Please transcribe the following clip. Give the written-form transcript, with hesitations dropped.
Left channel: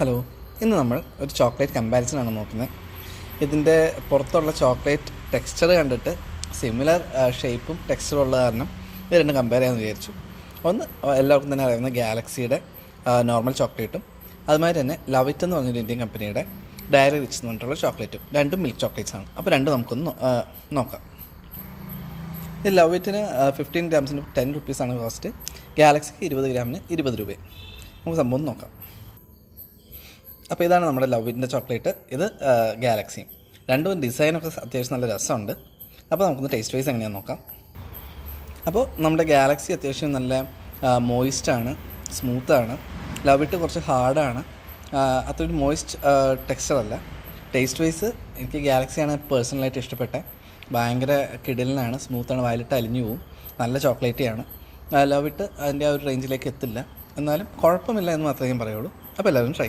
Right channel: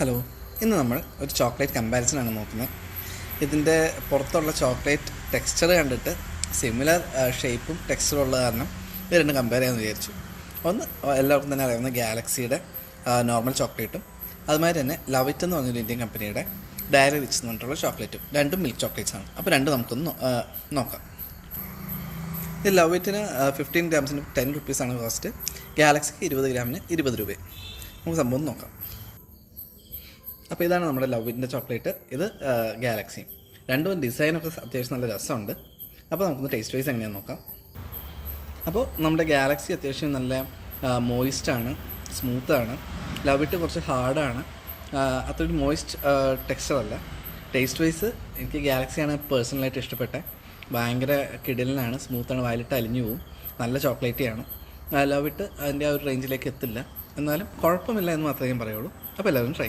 Hello, ഇന്ന് നമ്മൾ ഒരു ചോക്ലേറ്റ് കമ്പാരിസനാണ് നോക്കുന്നത്. ഇതിൻ്റെ പുറത്തുള്ള ചോക്ലേറ്റ് ടെക്സ്ചർ കണ്ടിട്ട് സിമിലർ ഷേപ്പും ടെക്സ്ചറും ഉള്ള കാരണം ഇത് രണ്ടും കമ്പയർ ചെയ്യാമെന്ന് വിചാരിച്ചു. ഒന്ന് എല്ലാവർക്കും തന്നെ അറിയാവുന്ന ഗാലക്സിയുടെ നോർമൽ ചോക്ലേറ്റും അതുമാതിരി തന്നെ ലവിറ്റ് എന്ന് പറഞ്ഞൊരു ഇന്ത്യൻ കമ്പനിയുടെ ഡയറി റിച്ച് എന്ന് പറഞ്ഞിട്ടുള്ള ചോക്ലേറ്റും. രണ്ടും മിൽക്ക് ചോക്ലേറ്റ്സാണ്. അപ്പോൾ രണ്ടും നമുക്കൊന്ന് നോക്കാം. ഇത് ലവിറ്റിന് 15 ഗ്രാംസിന് 10 റുപ്പീസാണ് കോസ്റ്റ്. ഗാലക്സിക്ക് 20 ഗ്രാമിന് 20 രൂപ. നമുക്ക് സംഭവം നോക്കാം. അപ്പോൾ ഇതാണ് നമ്മുടെ ലവിറ്റിൻ്റെ ചോക്ലേറ്റ്, ഇത് ഗാലക്സിയും. രണ്ടും ഡിസൈനൊക്കെ അത്യാവശ്യം നല്ല രസമുണ്ട്. അപ്പോൾ നമുക്കൊന്ന് ടേസ്റ്റ് വൈസ് എങ്ങനെയാണെന്ന് നോക്കാം. അപ്പോൾ നമ്മുടെ ഗാലക്സി അത്യാവശ്യം നല്ല മോയിസ്റ്റാണ്, സ്മൂത്താണ്. ലവിറ്റ് കുറച്ച് ഹാർഡാണ്, അത്രയൊരു മോയിസ്റ്റ് ടെക്സ്ചറല്ല. ടേസ്റ്റ് വൈസ് എനിക്ക് ഗാലക്സിയാണ് പേഴ്സണലായിട്ട് ഇഷ്ടപ്പെട്ടത്. ഭയങ്കര കിടിലനാണ്, സ്മൂത്താണ്, വയലിട്ട് അലിഞ്ഞു പോവും. നല്ല ചോക്ലേറ്റിയാണ്. ലവിറ്റ് അതിൻ്റെ ആ ഒരു റേഞ്ചിലേക്ക് എത്തില്ല, എന്നാലും കുഴപ്പമില്ല എന്ന് മാത്രമേ ഞാൻ പറയുള്ളൂ. അപ്പോൾ എല്ലാവരും ട്രൈ